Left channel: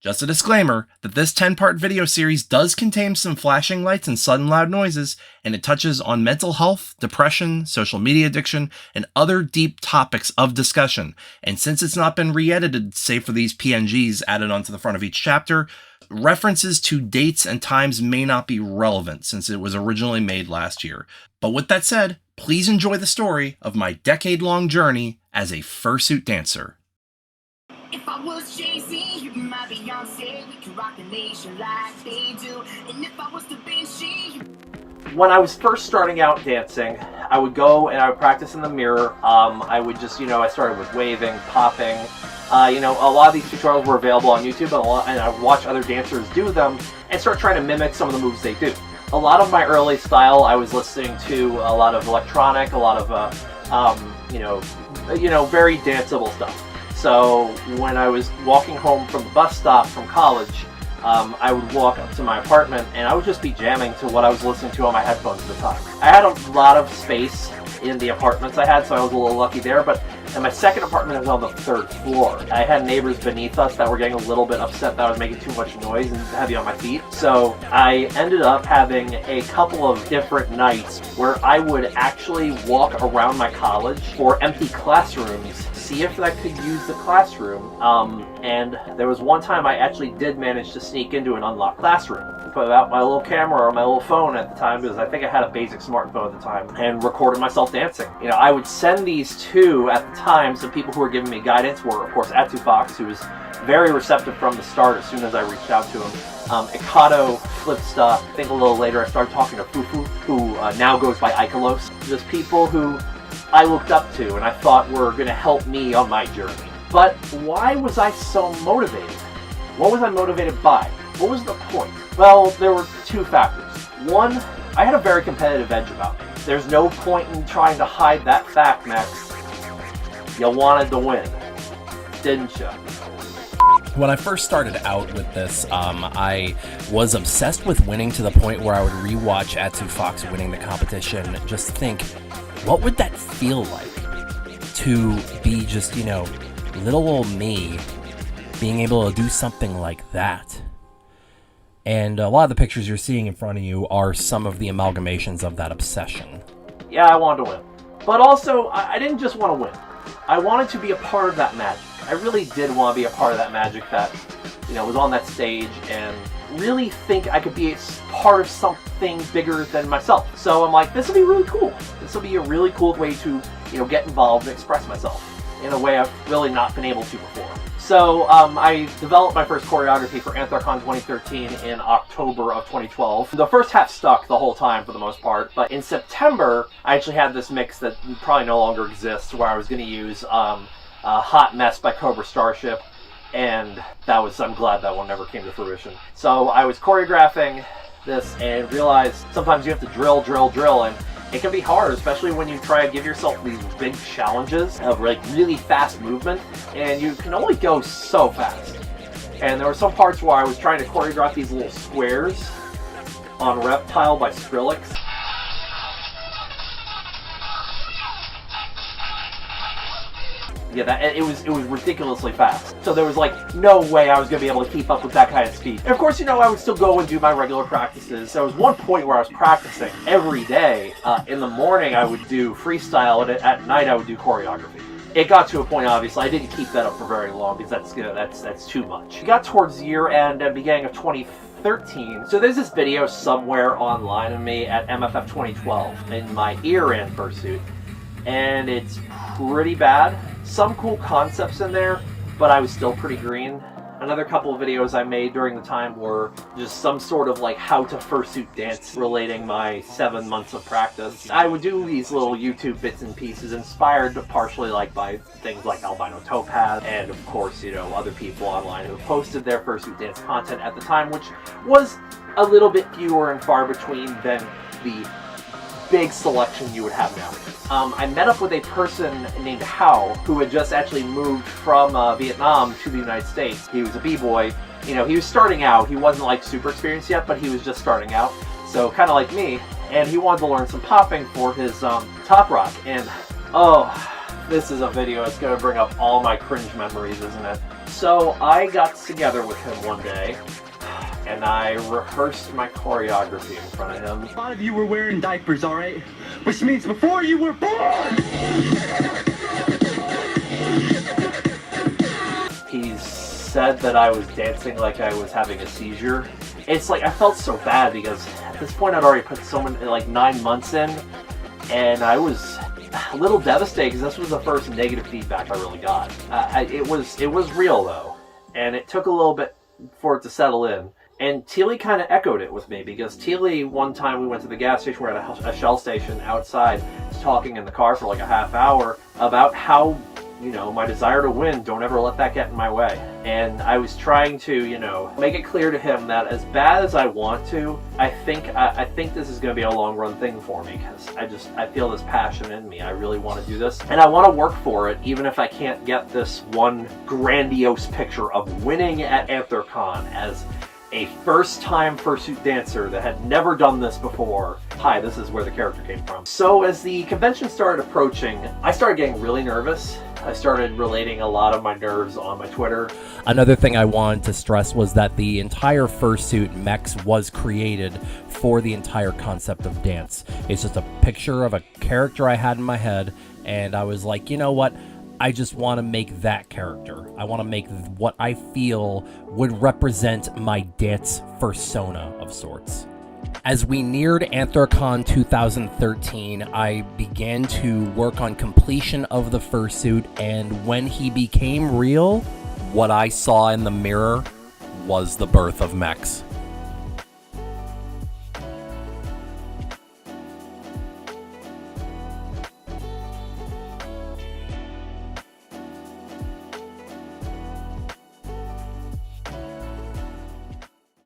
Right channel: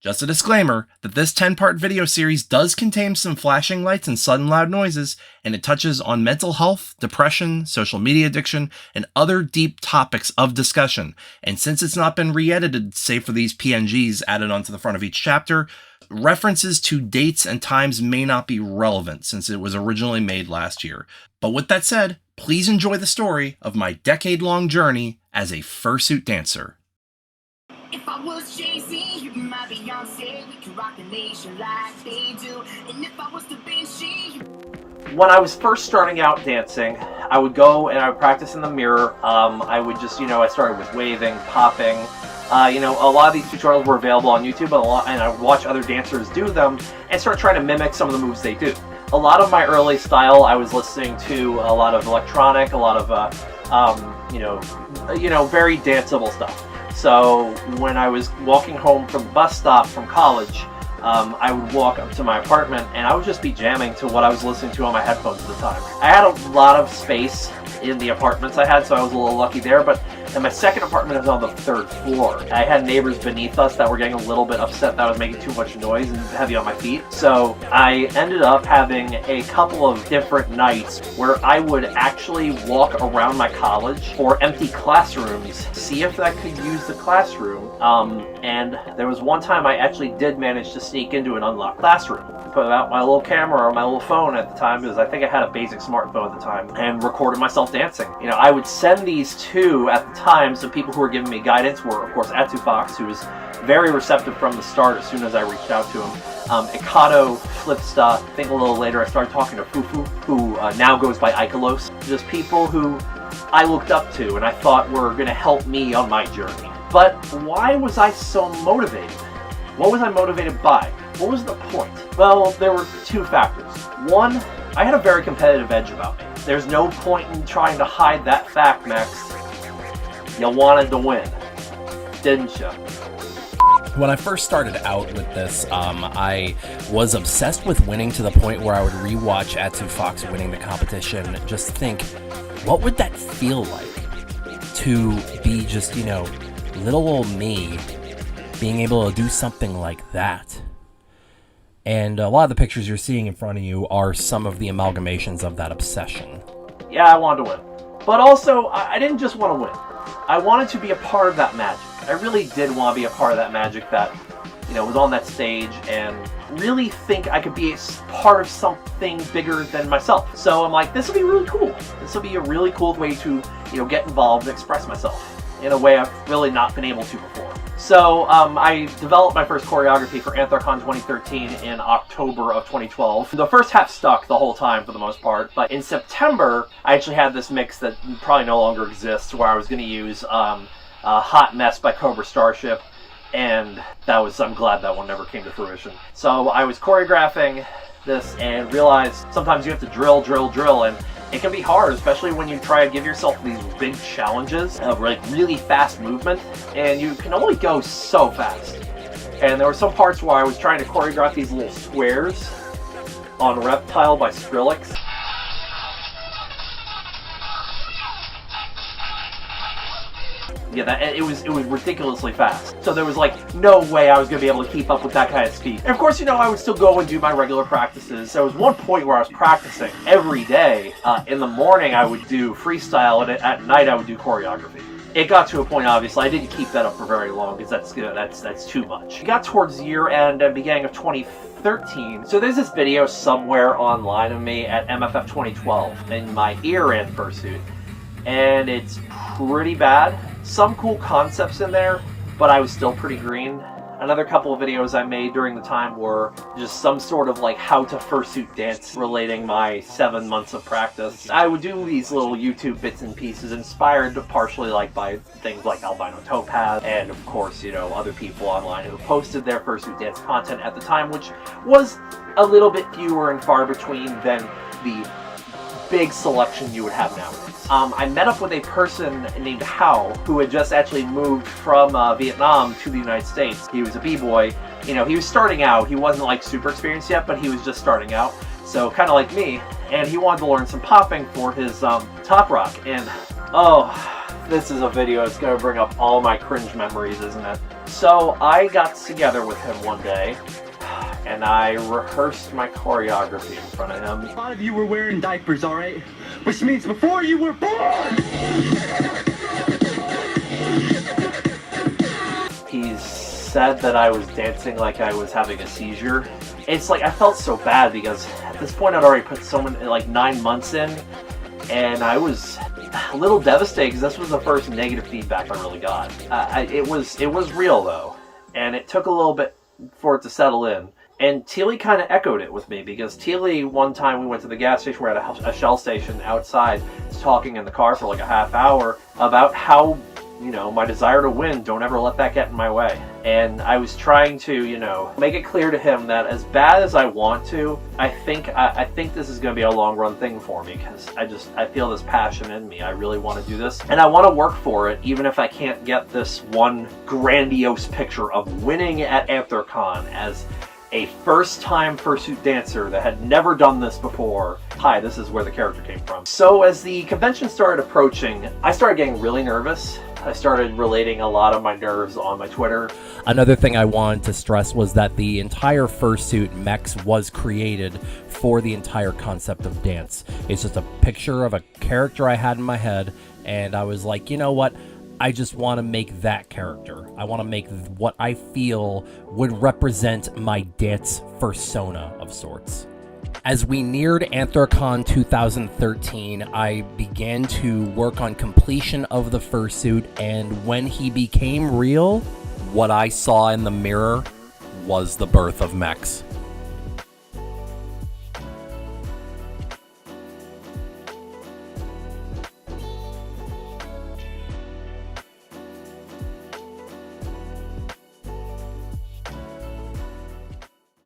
Just a disclaimer that this 10-part video series does contain some flashing lights and sudden loud noises, and it touches on mental health, depression, social media addiction, and other deep topics of discussion. And since it's not been re-edited, save for these PNGs added onto the front of each chapter, references to dates and times may not be relevant since it was originally made last year. But with that said, please enjoy the story of my decade-long journey as a fursuit dancer. If I was Jay-Z, you be my Beyonce. We can rock the nation like they do. And if I was Da Vinci, when I was first starting out dancing, I would go and I would practice in the mirror. I would just, I started with waving, popping. A lot of these tutorials were available on YouTube, and I would watch other dancers do them and start trying to mimic some of the moves they do. A lot of my early style, I was listening to a lot of electronic, a lot of, very danceable stuff. So when I was walking home from the bus stop from college, I would walk up to my apartment and I would just be jamming to what I was listening to on my headphones at the time. I had a lot of space in the apartments I had, so I was a little lucky there, but in my second apartment, I was on the 3rd floor. I had neighbors beneath us that were getting a little bit upset that I was making too much noise and heavy on my feet. So I ended up having a couple of different nights where I would actually walk around my college for empty classrooms, see if I could use the classroom. And there was one time I actually did manage to sneak into an unlocked classroom. Put out my little camera or my little phone at the time, because I think I had a basic smartphone at the time, and recorded myself dancing. I would send these to, at the time, some people who were giving me guidance were, of course, Atu Fox, who was very receptive from the start as soon as I reached out to him. Ikato, Flipsta. I think a little later I started talking to Fufu, who now goes by Ikalos. Just people who I looked up to and I thought were going to help me on my journey. But why was I so motivated? What was I motivated by? What was the point? Well, there were two factors. One, I had a very competitive edge about me. There's no point in trying to hide that fact, Max. You wanted to win, didn't you? When I first started out with this, I was obsessed with winning to the point where I would rewatch Atu Fox winning the competition, just think, what would that feel like to be just, little old me being able to do something like that? And a lot of the pictures you're seeing in front of you are some of the amalgamations of that obsession. Yeah, I wanted to win. But also, I didn't just want to win. I wanted to be a part of that magic. I really did want to be a part of that magic that, was on that stage, and really think I could be a part of something bigger than myself. So I'm like, this will be really cool. This will be a really cool way to, get involved and express myself in a way I've really not been able to before. So I developed my first choreography for Anthrocon 2013 in October of 2012. The first half stuck the whole time for the most part, but in September, I actually had this mix that probably no longer exists, where I was going to use Hot Mess by Cobra Starship, and I'm glad that one never came to fruition. So I was choreographing this and realized sometimes you have to drill, and it can be hard, especially when you try to give yourself these big challenges of really fast movement, and you can only go so fast. And there were some parts where I was trying to choreograph these little squares on Reptile by Skrillex. Yeah, it was ridiculously fast. So there was no way I was going to be able to keep up with that kind of speed. And of course, I would still go and do my regular practices. There was one point where I was practicing every day. In the morning, I would do freestyle, and at night, I would do choreography. It got to a point, obviously, I didn't keep that up for very long, because that's too much. It got towards year end and beginning of 2013. So there's this video somewhere online of me at MFF 2012 in my ear-in fursuit, and it's pretty bad. Some cool concepts in there, but I was still pretty green. Another couple of videos I made during the time were just some sort of how to fursuit dance relating my 7 months of practice. I would do these little YouTube bits and pieces inspired partially by things like Albino Topaz and of course, other people online who posted their fursuit dance content at the time, which was a little bit fewer and far between than the big selection you would have nowadays. I met up with a person named Hao, who had just actually moved from Vietnam to the United States. He was a b-boy. He was starting out. He wasn't super experienced yet, but he was just starting out. So kind of like me. And he wanted to learn some popping for his top rock. And oh, this is a video that's going to bring up all my cringe memories, isn't it? So I got together with him one day, and I rehearsed my choreography in front of him. A lot of you were wearing diapers, alright? Which means before you were born! He said that I was dancing like I was having a seizure. It's like, I felt so bad because at this point I'd already put like 9 months in, and I was a little devastated because this was the first negative feedback I really got. It was real though, and it took a little bit for it to settle in. And Teely kind of echoed it with me, because Teely, one time we went to the gas station, we're at a Shell station outside, talking in the car for like a half hour about how, you know, my desire to win, don't ever let that get in my way. And I was trying to, you know, make it clear to him that as bad as I want to, I think this is going to be a long run thing for me, because I feel this passion in me. I really want to do this, and I want to work for it, even if I can't get this one grandiose picture of winning at AntherCon as a first-time fursuit dancer that had never done this before. Hi, this is where the character came from. So as the convention started approaching, I started getting really nervous. I started relating a lot of my nerves on my Twitter. Another thing I wanted to stress was that the entire Fursuit Mex was created for the entire concept of dance. It's just a picture of a character I had in my head, and I was like, you know what? I just want to make that character. I want to make what I feel would represent my dance persona of sorts. As we neared AntherCon 2013, I began to work on completion of the fursuit, and when he became real, what I saw in the mirror was the birth of Mex.